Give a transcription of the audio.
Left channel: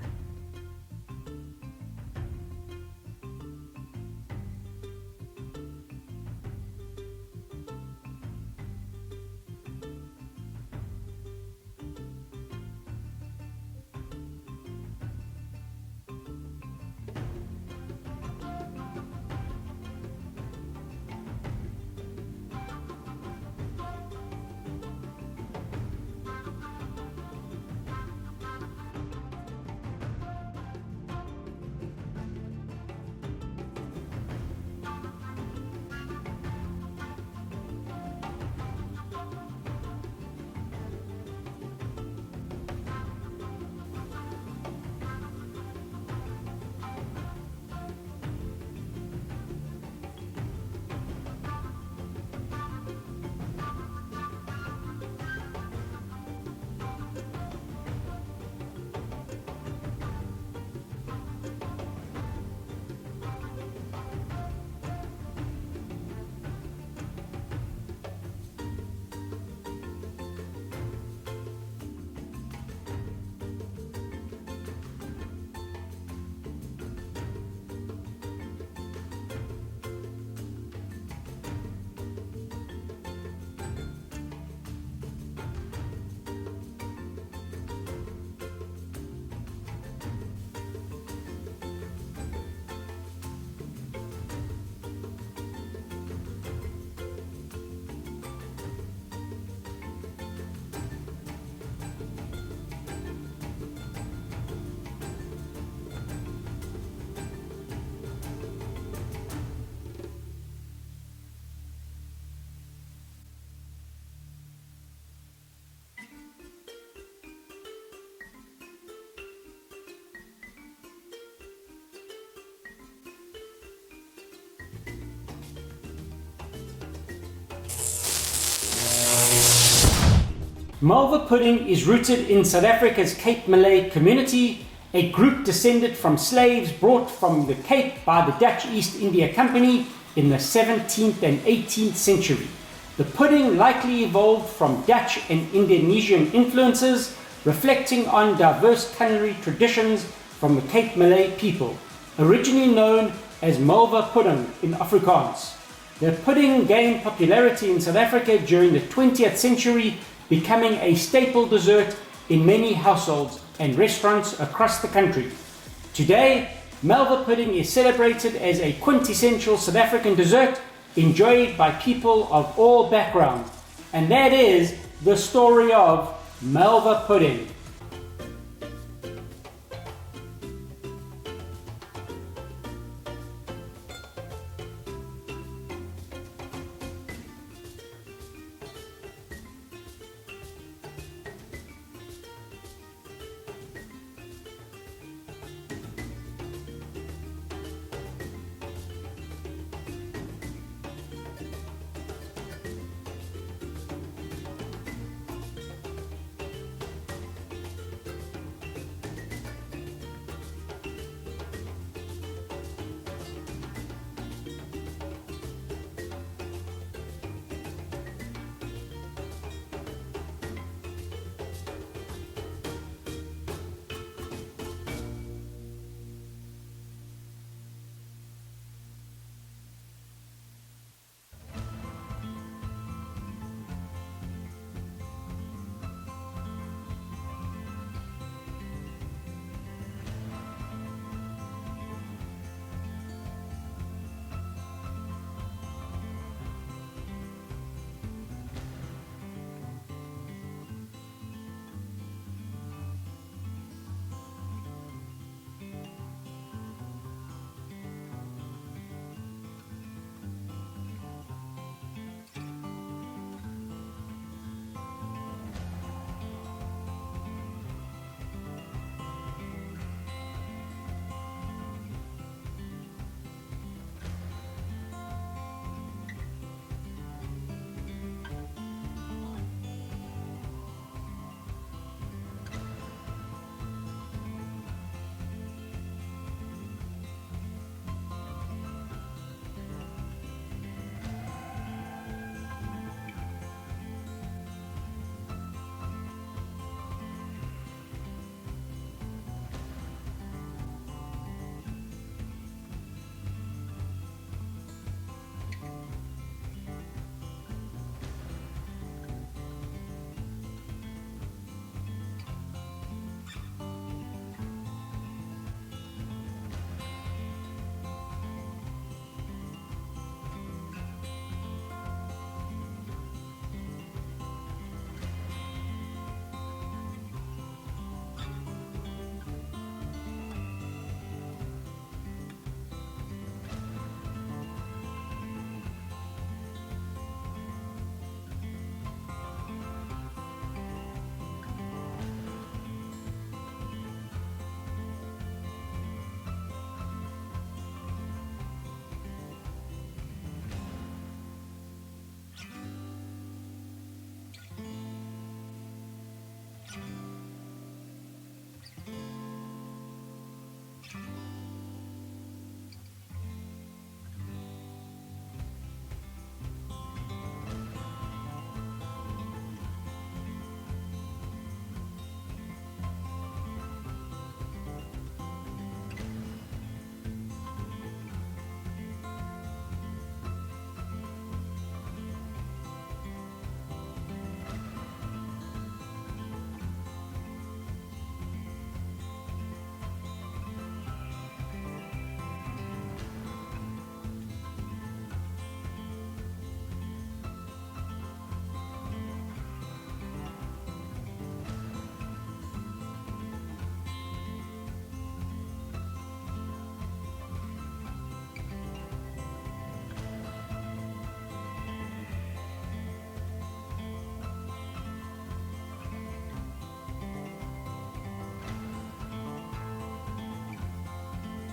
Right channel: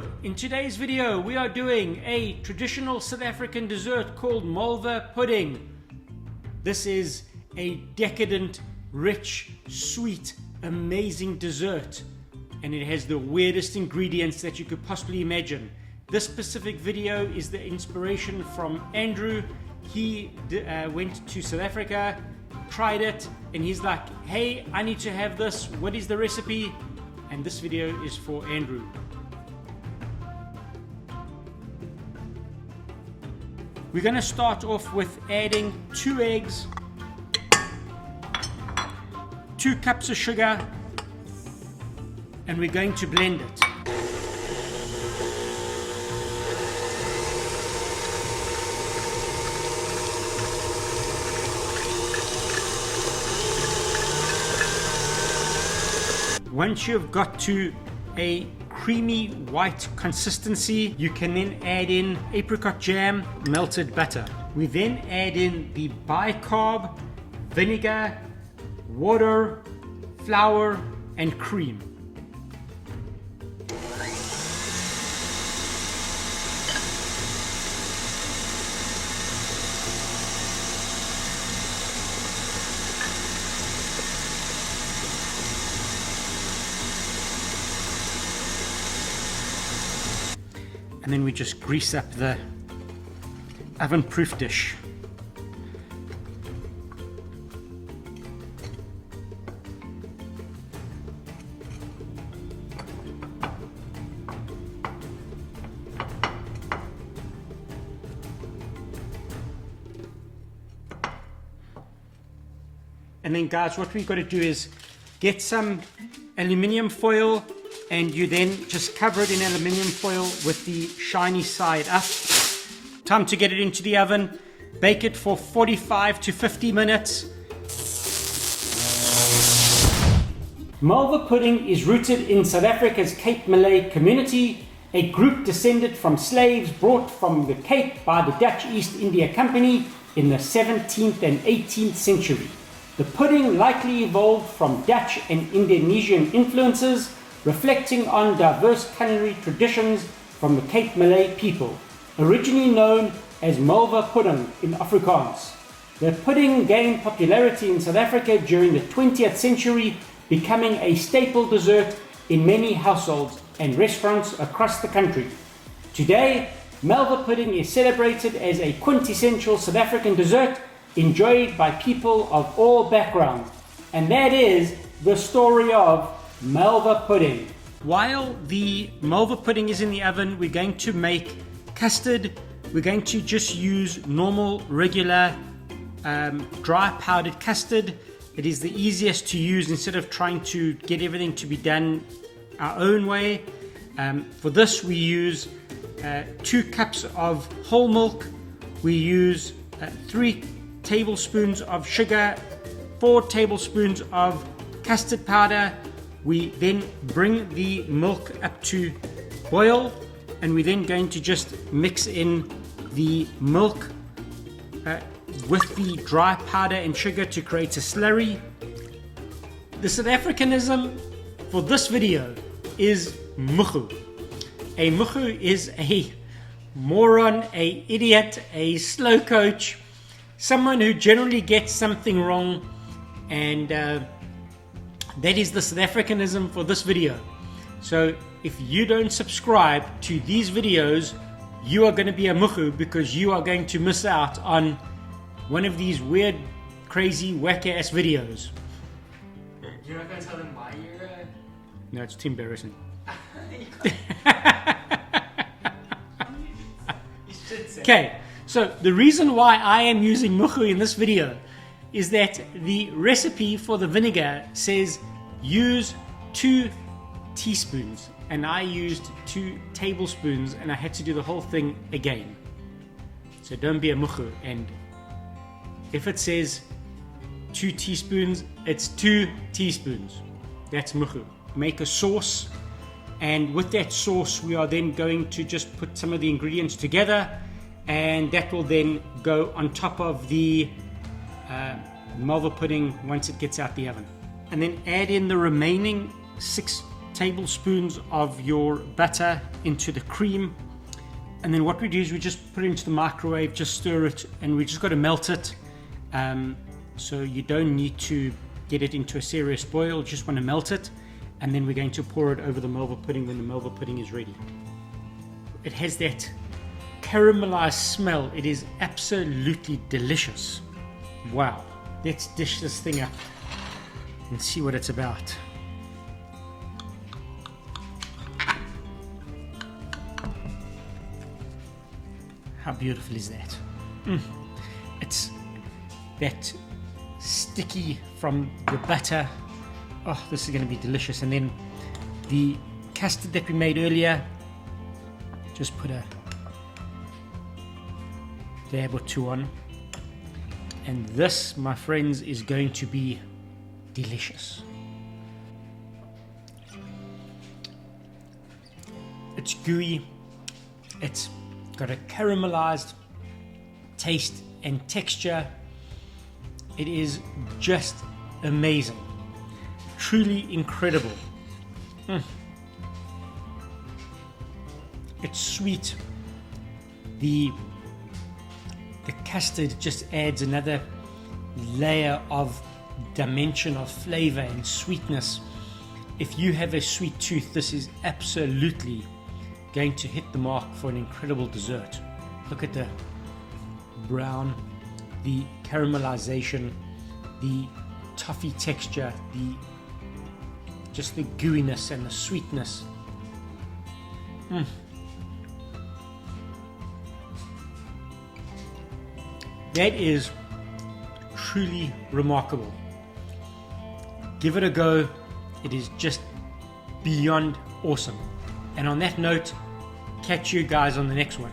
Hello! In today's video we are doing a traditional South African dessert called Malvapoeding. This is a decadent, rich, sweet, amazing dessert, and it has the weirdest ingredients that you could possibly imagine. This specific video is the inspiration from Andrew. He went to South Africa, tried it, and he's like, hey, I need to have this. What is the recipe? And this video is for Andrew. We're going to start off with adding 2 eggs, 2 cups of sugar, and we're going to blend it. Once you've got to a creamy white consistency, you can then add in apricot jam, melted butter. We then add in the bicarb, vinegar, water, flour, and cream. And then we just grease up the oven-proof dish. And then guys, what we've got to do is get some aluminium foil, and you then just cover it in aluminium foil with the shiny side up. Time to get it into the oven. Bake it for 45 to 50 minutes. Malvapoeding is rooted in South Africa's Cape Malay community, a group descended from slaves brought from the Cape by the Dutch East India Company in the 17th and 18th century. The pudding likely evolved from Dutch and Indonesian influences, reflecting on diverse culinary traditions from the Cape Malay people, originally known as Malvapoeding in Afrikaans. The pudding gained popularity in South Africa during the 20th century, becoming a staple dessert in many households and restaurants across the country. Today, Malvapoeding is celebrated as a quintessential South African dessert enjoyed by people of all backgrounds, and that is the story of Malvapoeding. While the Malvapoeding is in the oven, we're going to make custard. We're going to just use normal, regular, dry powdered custard. It is the easiest to use instead of trying to get everything to be done our own way. For this, we use 2 cups of whole milk. We use 3 tablespoons of sugar, 4 tablespoons of custard powder. We then bring the milk up to boil, and we're then going to just mix in the milk with the dry powder and sugar to create a slurry. The South Africanism for this video is muchu. A muchu is a moron, a idiot, a slow coach, someone who generally gets something wrong, and that is the South Africanism for this video. So if you don't subscribe to these videos, you are going to be a muchu, because you are going to miss out on one of these weird, crazy, whack-ass videos. You're not going to tell them why you're No, it's too embarrassing. Okay, so the reason why I am using muchu in this video is that the recipe for the vinegar says use 2 teaspoons, and I used 2 tablespoons, and I had to do the whole thing again. So don't be a muchu, and if it says 2 teaspoons, it's 2 teaspoons. That's muchu. Make a sauce, and with that sauce we are then going to just put some of the ingredients together, and that will then go on top of the Malvapoeding once it gets out the oven. And then add in the remaining 6 tablespoons of your butter into the cream, and then what we do is we just put it into the microwave, just stir it, and we just got to melt it. So you don't need to get it into a serious boil, just want to melt it, and then we're going to pour it over the Malva pudding when the Malva pudding is ready. It has that caramelized smell. It is absolutely delicious. Wow, let's dish this thing up and see what it's about. How beautiful is that? It's that sticky from the butter. Oh, this is going to be delicious. And then the custard that we made earlier, just put a dab or two on. And this, my friends, is going to be delicious. It's gooey. It's got a caramelized taste and texture. It is just amazing, truly incredible. It's sweet. The custard just adds another layer of dimension of flavor and sweetness. If you have a sweet tooth, this is absolutely going to hit the mark for an incredible dessert. Look at the brown, the caramelization, the toffee texture, just the gooiness and the sweetness. That is truly remarkable. Give it a go. It is just beyond awesome. And on that note, catch you guys on the next one.